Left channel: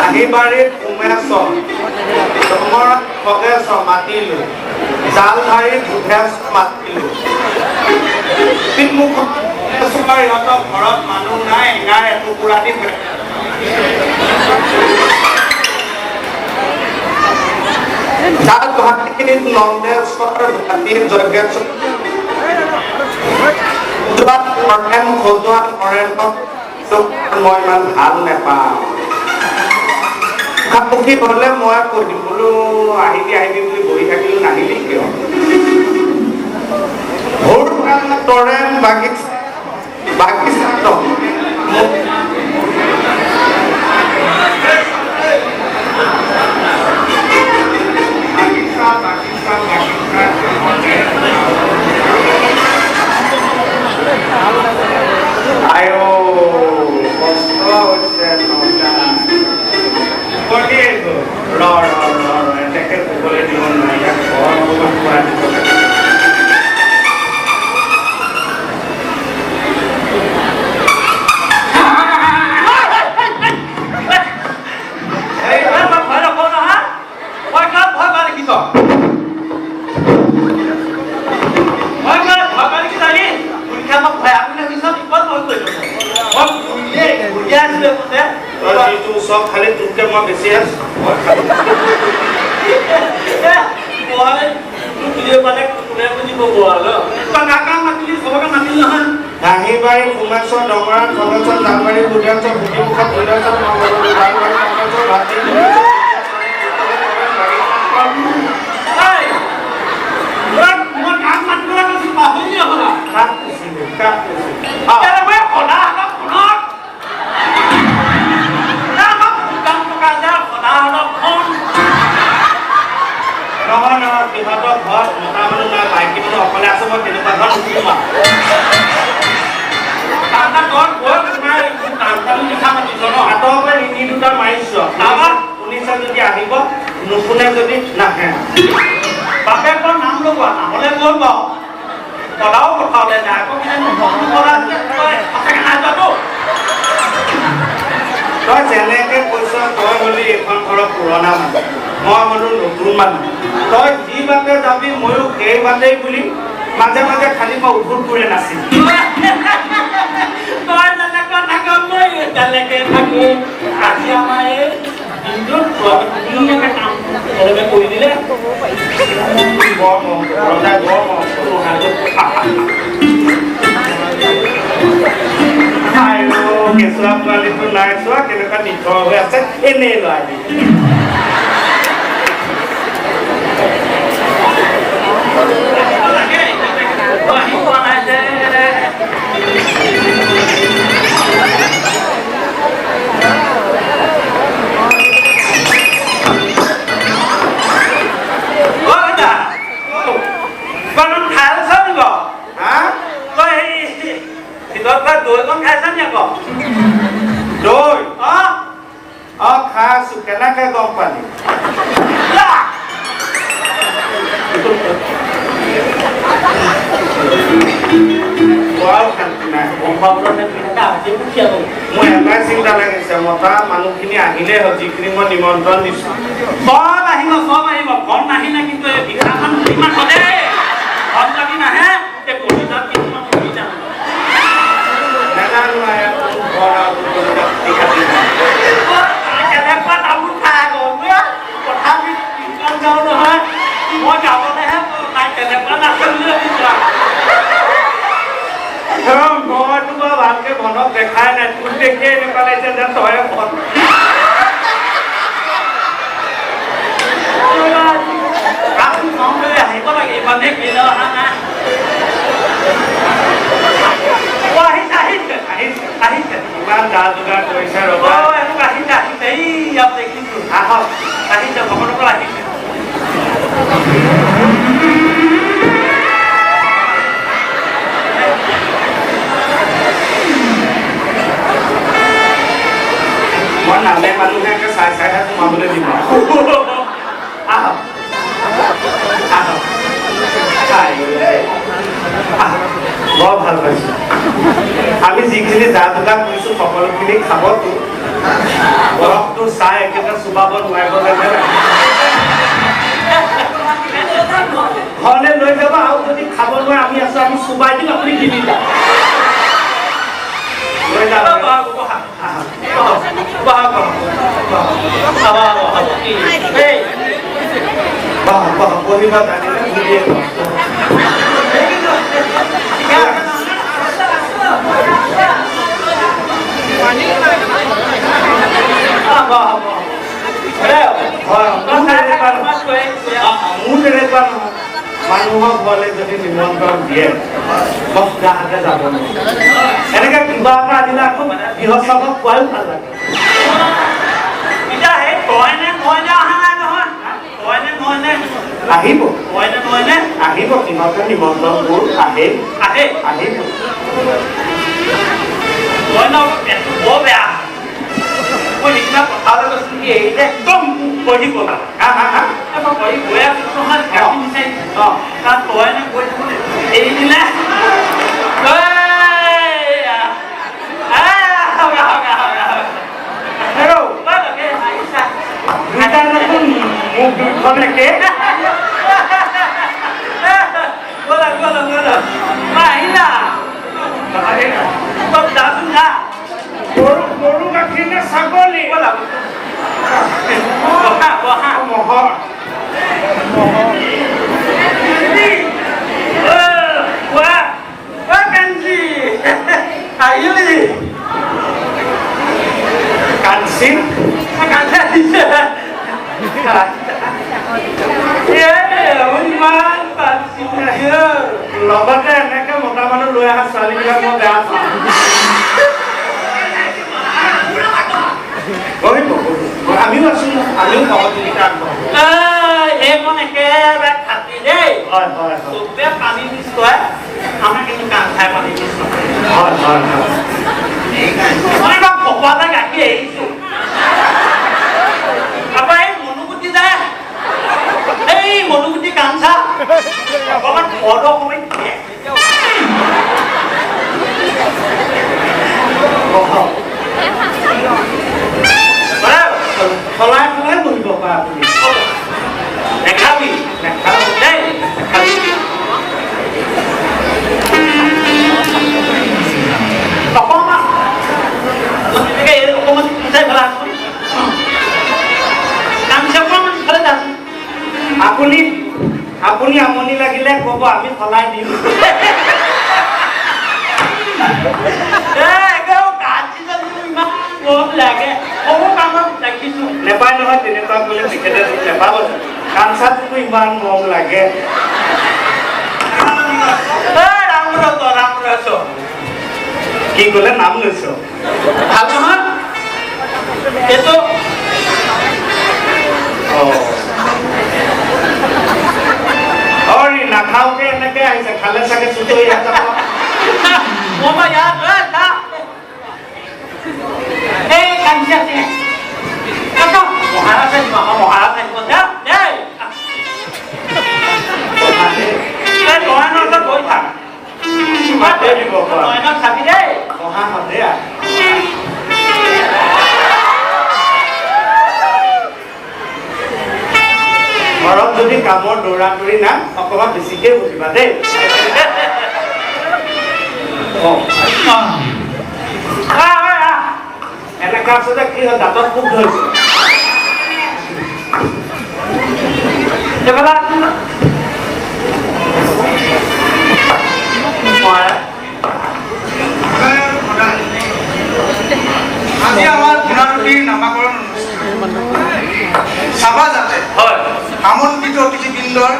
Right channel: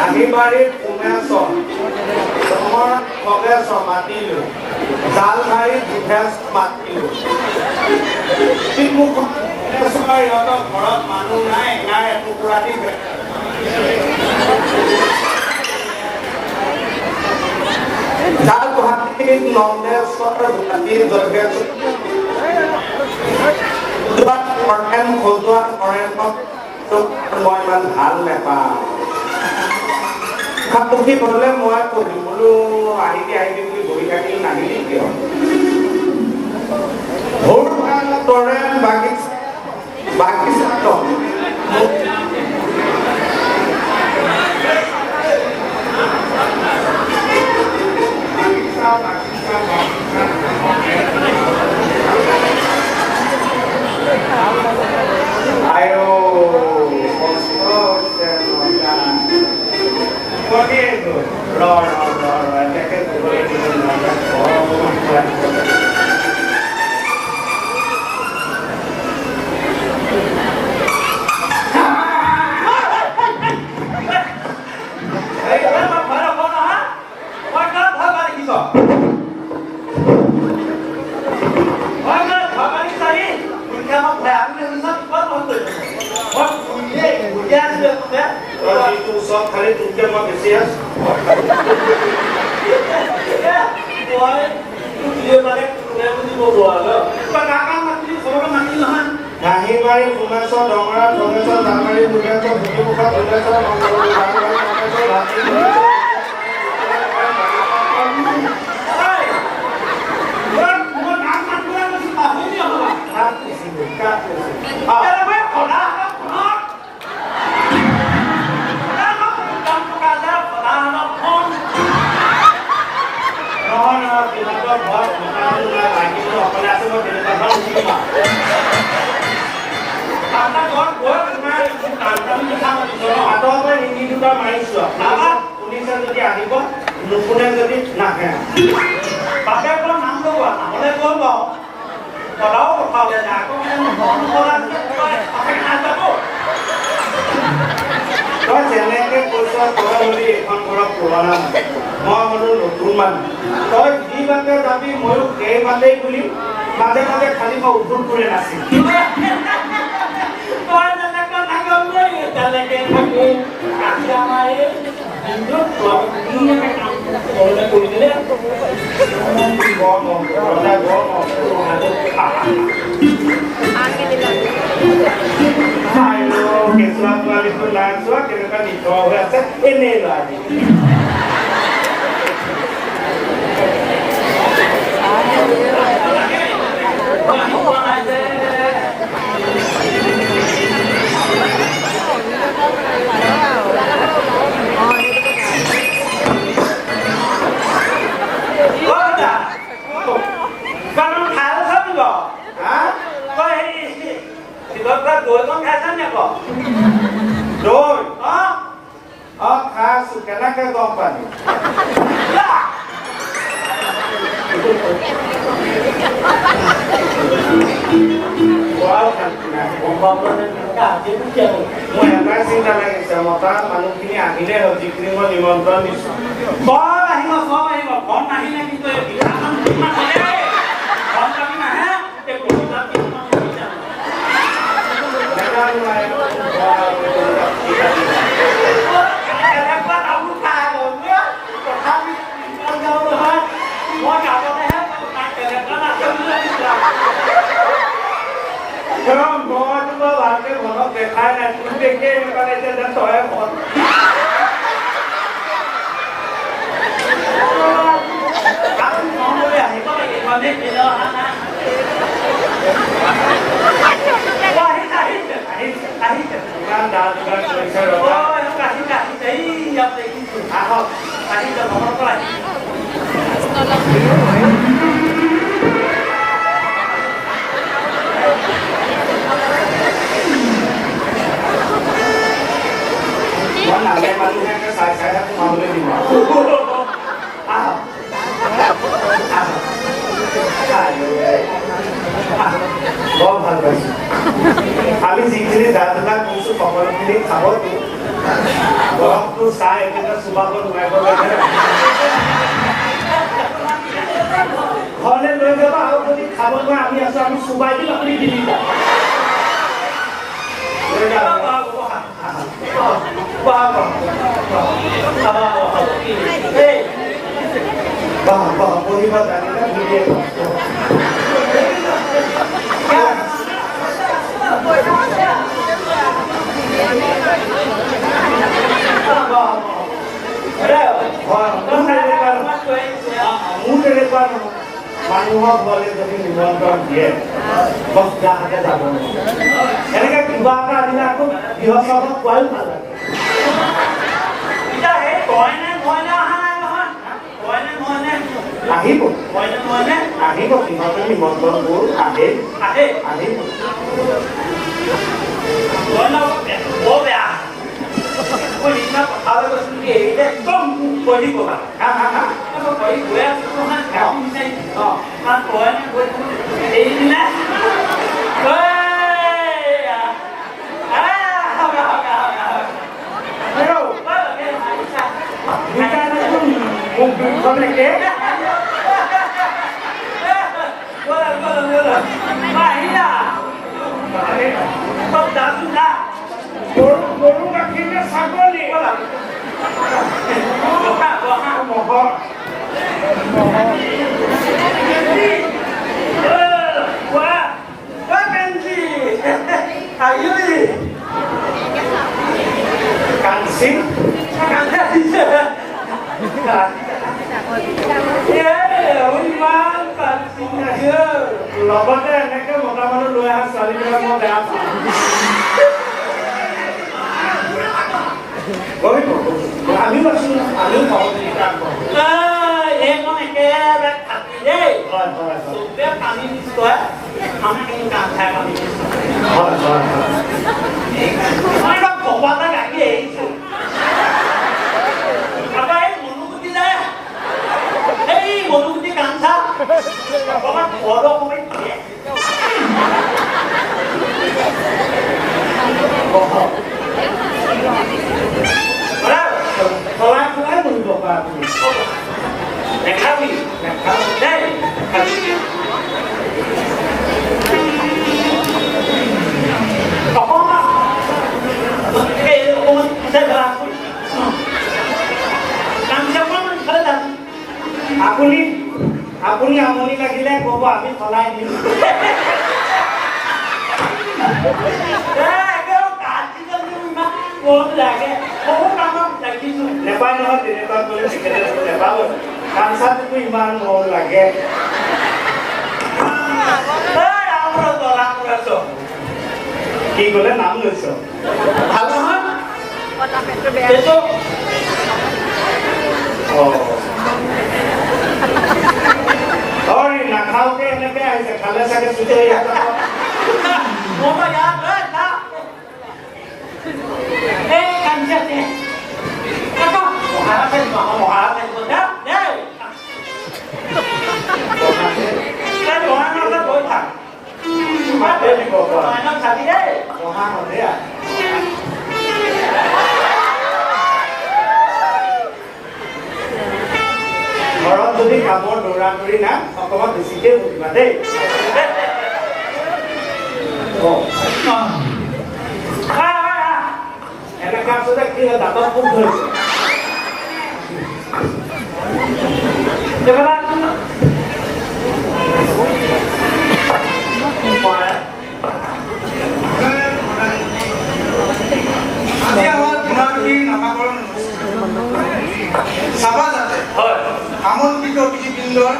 আহিবাৰীত সোমেছ ডঙৰাত খগেছ মাতিলো জাল মাৰিত দুভেছ মাতিলো ইহঁতৰ ঘৰত মানুহ নাই এঙাৰ এটুকুৰা দি জাল গুৱাহাটীত নন্দেশ্বৰ গুৱাহাটীৰ যজ্ঞেশ্বৰ মই ইমান ভাল নাপাওঁ পুখি হলে মই পঢ়িম বোলো আহিবি বুলি বহি থাকিলো নাহিলি কিয় ভোৰ তৰে বাগিচা সব খালি তুলতে মই বেছি আছো আহিবাৰী সোমেশ্বৰ ডঙৰা খগেশ্বৰ জালমাৰী দুৰ্গেশ্বৰ ভুটিমুখত ভৈলেশ্বৰ অকলে আছে মই তেনেকুৱা হাতৰ নীতি দুটা মাৰিছো পুলিচে যদি আহিব নুশুনে যদি নাহে বাপে কৰ নাম লগোৱা নহলে কৈ বাৰু কলাও কথা ওলাই যায় আকৌ তই যেনেকে কৈছ তই হলি এখন ঘৰৰ পুৰণা মানুহ মই হলো নতুন মানুহ তই যি বাটে যাবি ময়ো সেই বাটেই বুলি মাজে মাজে খালি মই উঠোৰ কৰি নাছিল কেঁচুৱা পোৱালিটো নাই চোৱা তেনেকুৱা নিথৰ হৈ আছে এনেই লাগে কেনেকে গম পালি মোৰ এটাই চিন্তা লাগিছে মতা মানুহখিনি আহিলে হ'ল যিখিনি মই নিমন্ত্ৰণ দিছো সব আহিব ঘৰ নাহিলে কিন্তু নাহে ভালকে মনত দেখাই নাই তুমি দেখিয়ে এনেকুৱা লাগিছে যেন তই আহিব লাগে ইমানে বিলে অহা নাই আহিছে ইমান দা যোগাৰ কৰিছে ৰবা আহিছে এই ইয়াত দেখিছো আহক আহিছে ভ্ৰমণৰ পৰা আহিছে মই নালে মানুহে চাই সোমাবলৈ দিব আহক বৰ ভাল পাইছো আমি যিখিনি যিখিনি যা যোগাৰ কৰিছোঁ সকলোখিনি খাবতো বৰফটো চাই একেবাৰে চুবাব নোৱাৰিব ঘৰলৈ লৈ যাব আৰু যদি খাব নোৱাৰে আমি আছোঁ আমি চুবাই দিম আপুনি কিনি যাম লৈ যাব পঢ়িব জানিলে বুলিয়ে মানুহক বলে যদি নিমন্ত্ৰণ দিয়ে দহটাকে যাব এনেকে কিবা এটা দিলে আকৌ গৃহস্থক কোৱাও ভাল লাগে আহিব আহিব সিহঁতে নিমন্ত্ৰণবোৰ আহিব একদম কৰি ক'লা এৰি দিলে গৰু গাখীৰ নে ছাগলী লগতে এনেকে মতা মানুহ লৈ অহা ছোৱালীবিলাক মই বেয়া পাওঁ আমিও আছো আমিও সহযোগিতা এইখন একেবাৰে খাতি দেই চবে পানী নিশ্চয় আমাৰ কিন্তু কাম খাই পানী নিশ্চয় ভগৱানে গাখীৰ এৰিছো তাৰপৰা এই মনুগুটি যায় এই মনুগুটি কাঞ্চা অকণমান ঘৰৰ সময় দিয়ে সলাই সলাই বহিব পৰা আপুনি নেখাবি নেখাবি দেই অকণমান অকণমান সঁচাই ভাল আপুনি আপুনি আমনি লাগিলে ক'ব আমি সলাই দিম নেপায় নহয় তেনেকুৱা কৰিলে তেখেতে নেপাব কাঞ্চাটোতো ইমান মৰম লাগে কি ক'লে নাম লৈছ ভাল নহয় সেইটো নাখাওঁতে এনেকে আহিছে খালে চাগে চুটি হৈ যাব ঘৰত যদি কামৰ দৌৰা দৌৰি না অকণমান বেছিকে বহিবা দেই এনেকুৱা আচলতে কি হয় দাঁতত খুব ধৰিছে আজি আমাৰ ধূনাৰূপীৰ নামাকৰণ চাবা যাতে আমন্ত্ৰিত অতিথিবৃন্দৰ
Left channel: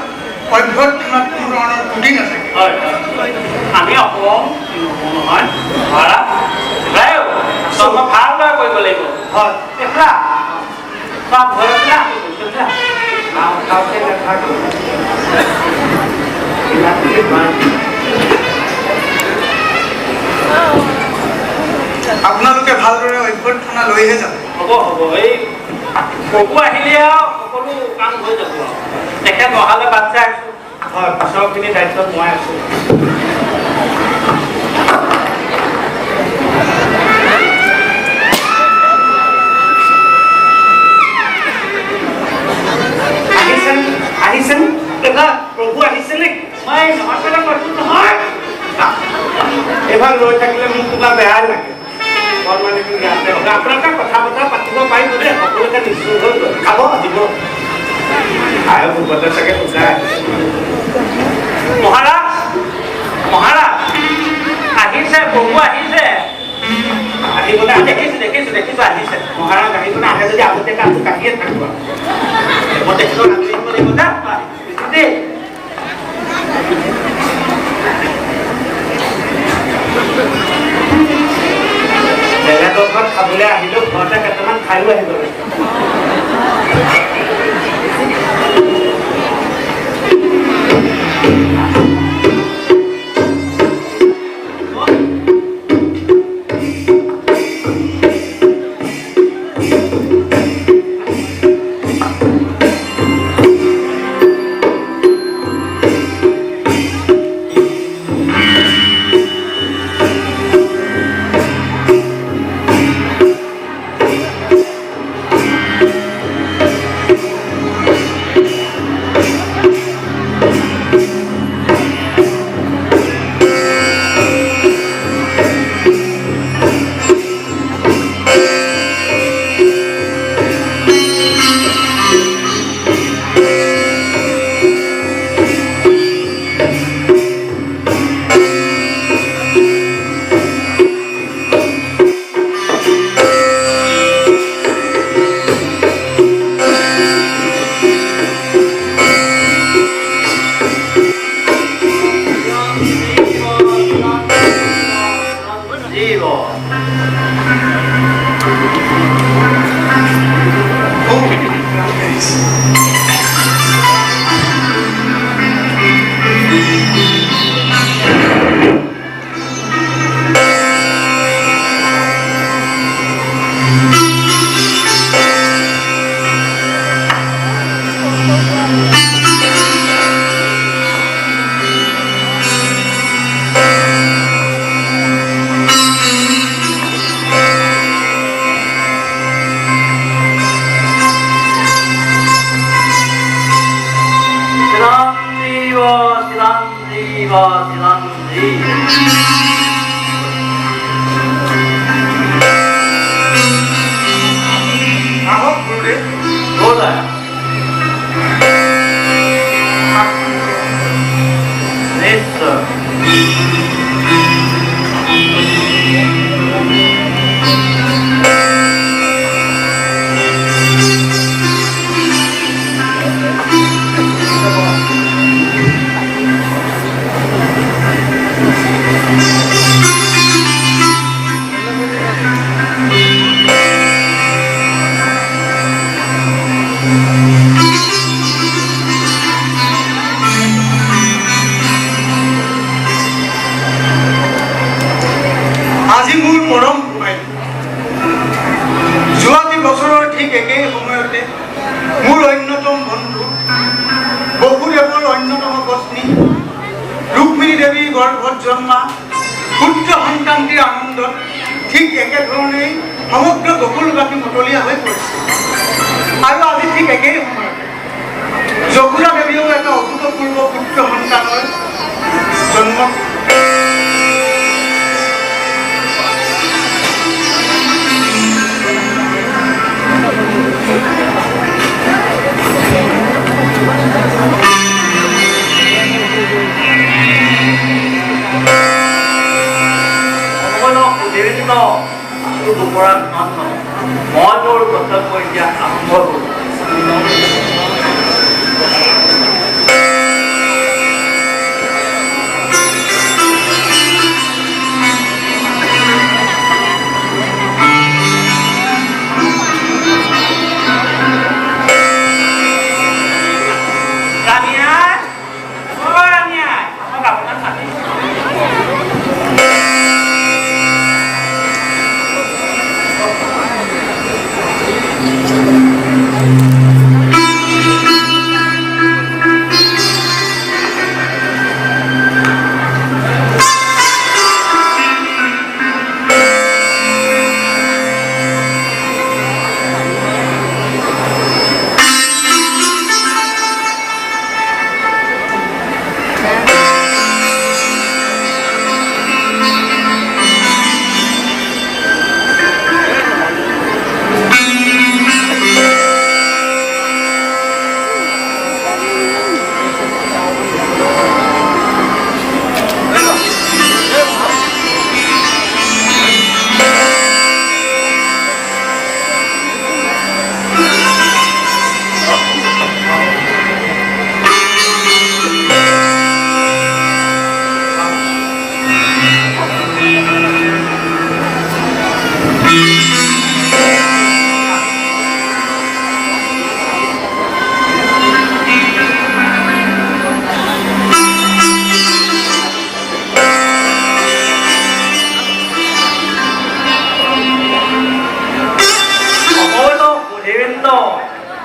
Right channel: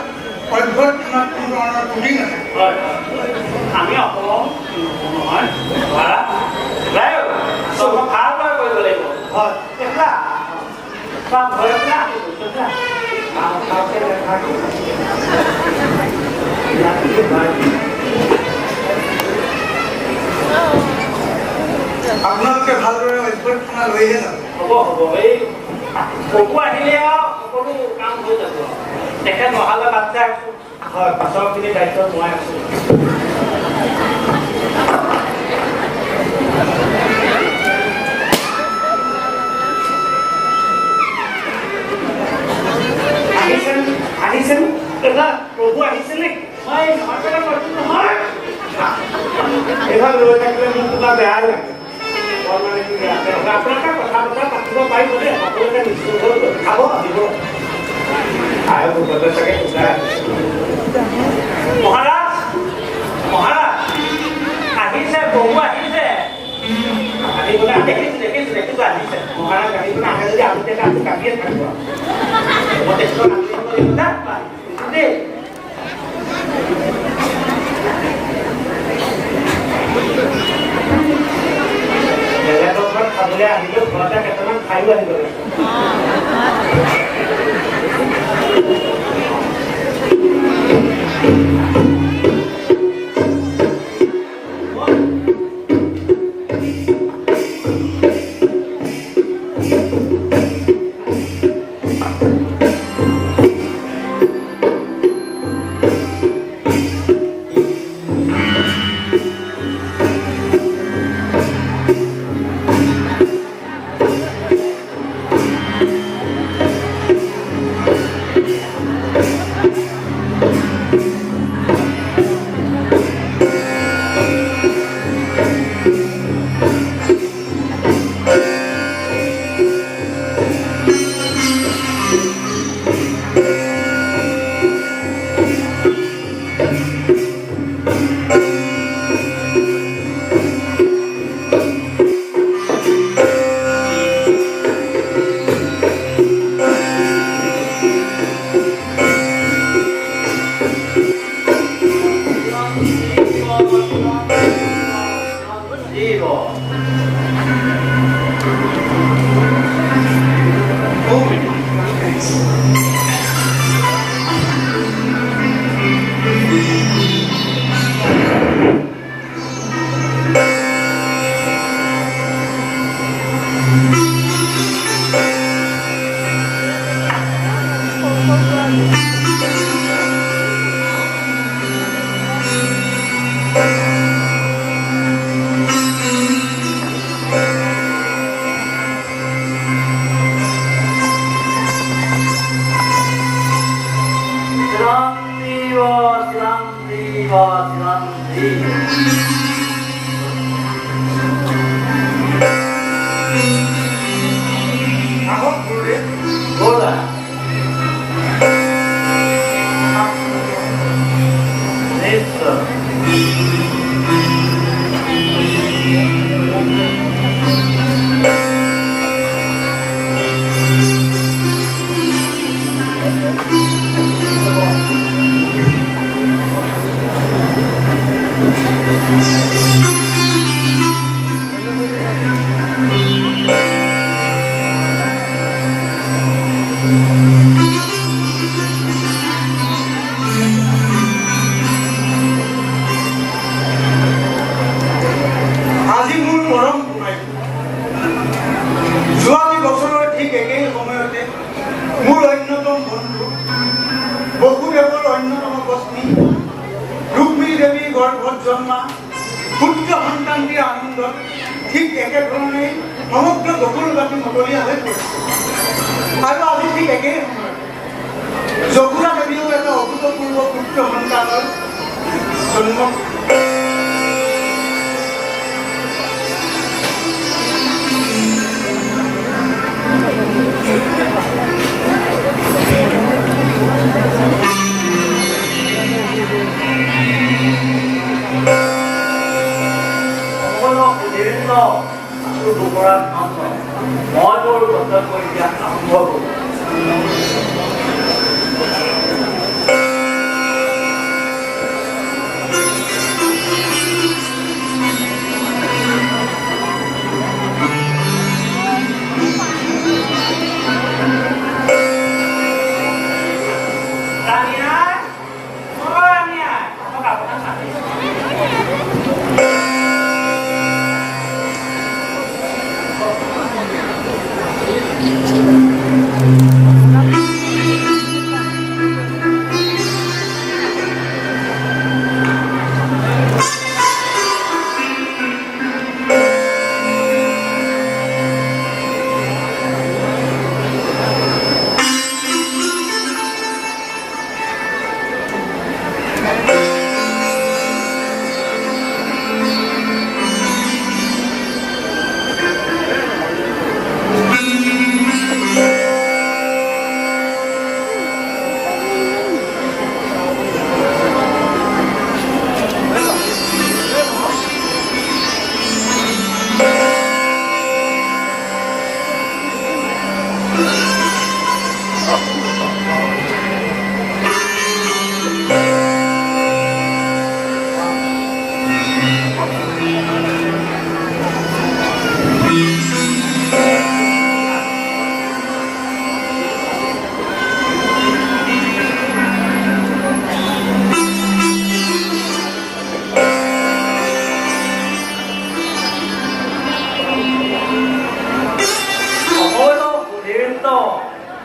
অভ্যৰ্থনাত কোনো ধৰণৰ ত্ৰুটি নাথাকে আমি অকণমান নহয় ভালদৰে কৰিব লাগিব হয় আপোনালোকে ভালদৰে অভ্যৰ্থনা লৈহে যাব হ'ব হ'ব এই প্ৰভু আহিলে আৰু সকলো কাম হৈ যাব তেখেত অহালৈ বাট চাই আছো হয় পাছৰখিনি দায়িত্ব মই আছো আহিছেন এটা প্ৰভু আহিছে নে মই নহয় এইবাৰ ৰৈ থাকিলে মোক কিবা বেয়া লাগে আপোনালোকে কথা বতৰা পাতিব পাৰিব দেই সকলোকে নিশ্চয় হৈ গ'ল খাব আহিব আৰু ভূপতে চাগে পূজা মহাৰাজ মহাৰাজ আহিছে বহু আহিছে আহিবলৈ দেখিছো আহিছে মহাৰাজ আহিবলৈ আহে যদি আগতীয়াকৈ আমি কাটিয়ে থাকিব মই দেখিব লাগিব না দেই বেলেগৰ ঘৰত খাবলৈ আহিলেও ঘৰতে কেইটামান খায়ো আহিব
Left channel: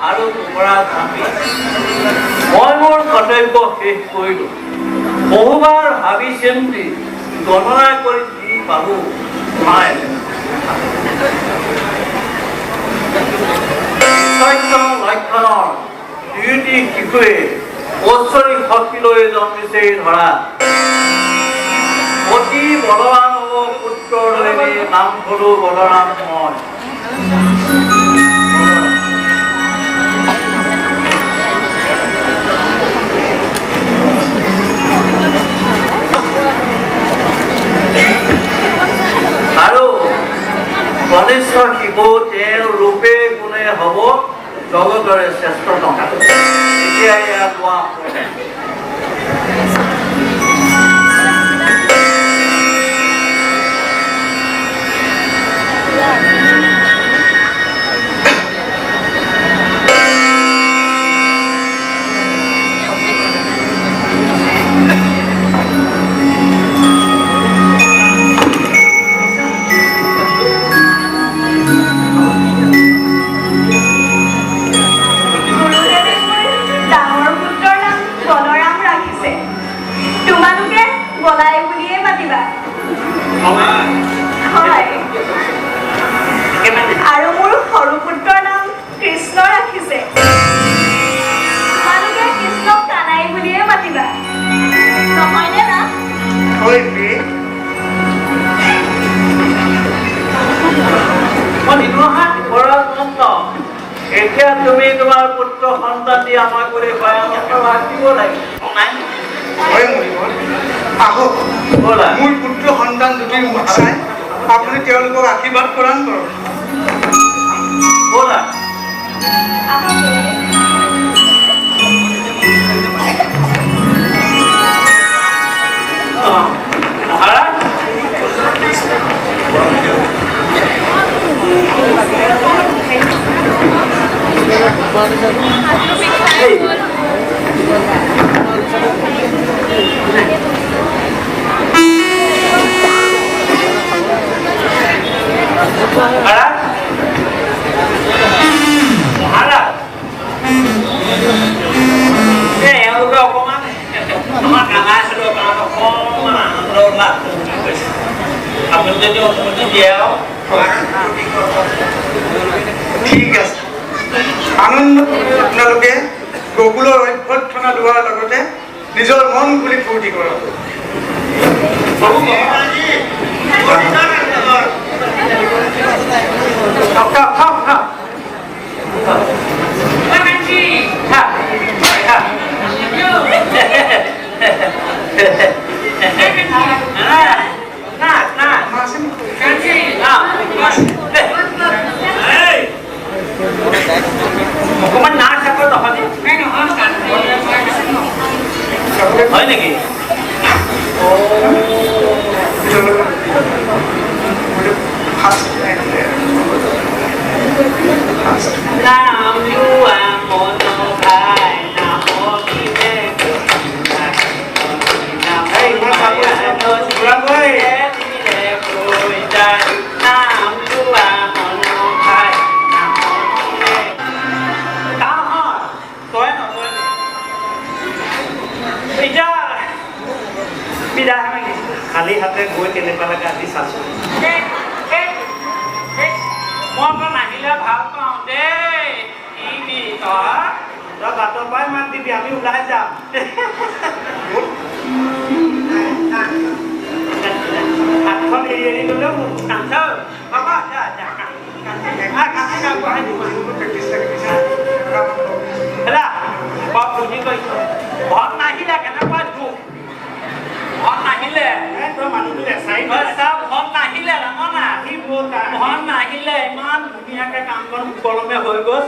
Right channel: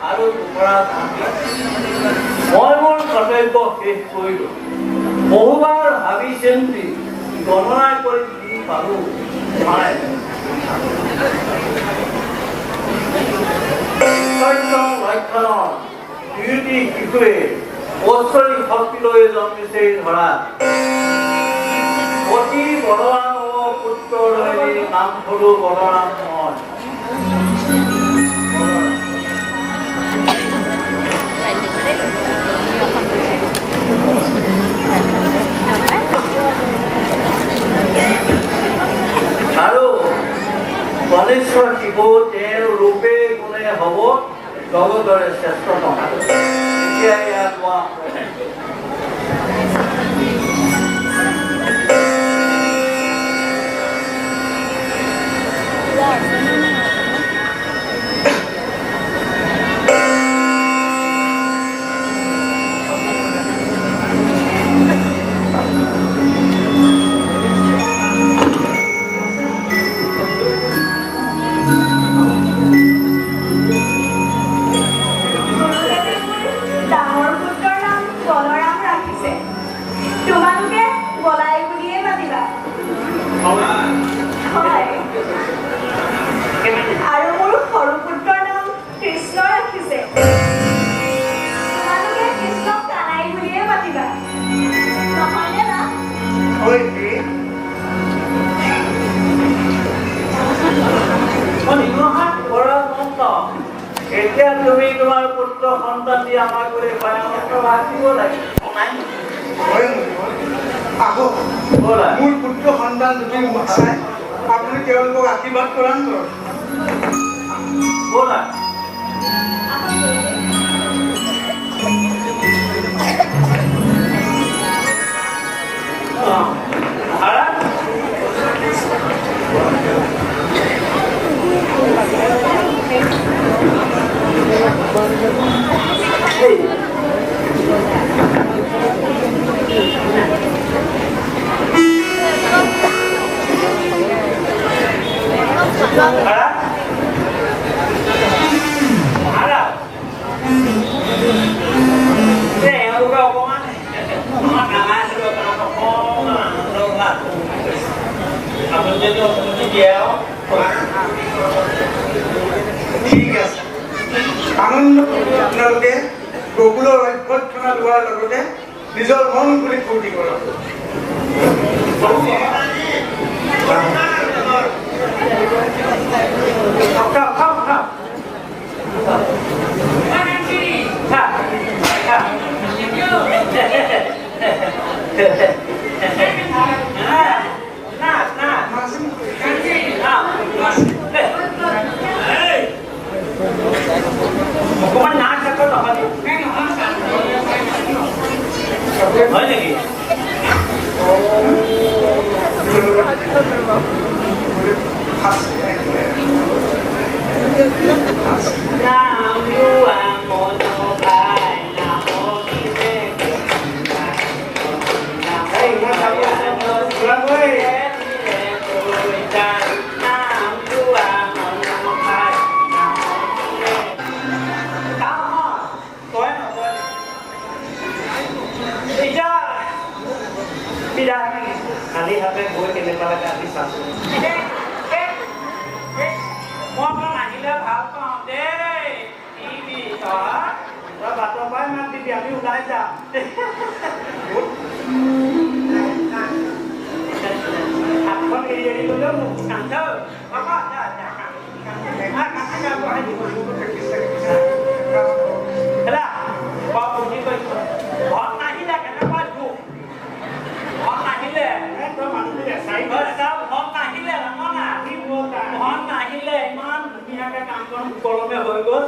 আৰু পৰা কামি মই মোৰ কৰ্তব্য শেষ কৰিলোঁ। বহুবাৰ ভাবি চিন্তি গণনা কৰি দি পালোঁ নাই। লক্ষণৰ দুয়োটি শিশুৱে ঐশ্বৰিক শক্তিলৈ জন্মিছে ধৰা অতি বলৱান পুত্ৰলৈ নাম হলো বলৰাম মই। আৰু কনিষ্ঠ শিশু তেওঁৰ ৰূপে গুণে হব জগতৰে শ্ৰেষ্ঠতম। এতিয়া ইয়াত কোৱা আৰু মোৰ সৰু পুত্ৰৰ নাম কৃষ্ণ ৰাখিছে। তোমালোকে কৃষ্ণক কানাই বুলিয়ে মাতিবা, নহয়নে না? এতিয়া তুমি তোমাৰ পুত্ৰ সন্তান দি আমাক কৰি ৰাখিব লাগিব। আহক মোৰ পুত্ৰ সন্তান দুটিৰ মুখ চাই আপুনি তেওঁলোকক আশীৰ্বাদ প্ৰদান কৰক। ব'লা ঠিক আছে, আনন্দ আপোনালোকে গকুলৰ অভ্যৰ্থনা লোৱাৰ লগতে নিজৰ মন খুলি ফূৰ্তি কৰক। অকমান নাচ থাকো তহঁতি হয় নেকি? খালি হাতে গৈ তেনেকুৱা লাগে আজি চাইছো। মই নাহিলে ভাল পাওঁ দেই। তই বাটৰ পৰাই মাত দিবি, আমি ওলাই যাম। হাতখন এৰি এৰি গলেও কান্দ ঘৰত নাহিলে কেনেকুৱা দুখ। ঘৰত নাহিলে ঘৰত নাহিলে ইমান ধুনীয়াকে কামখন সুকলমে হৈ গ'ল।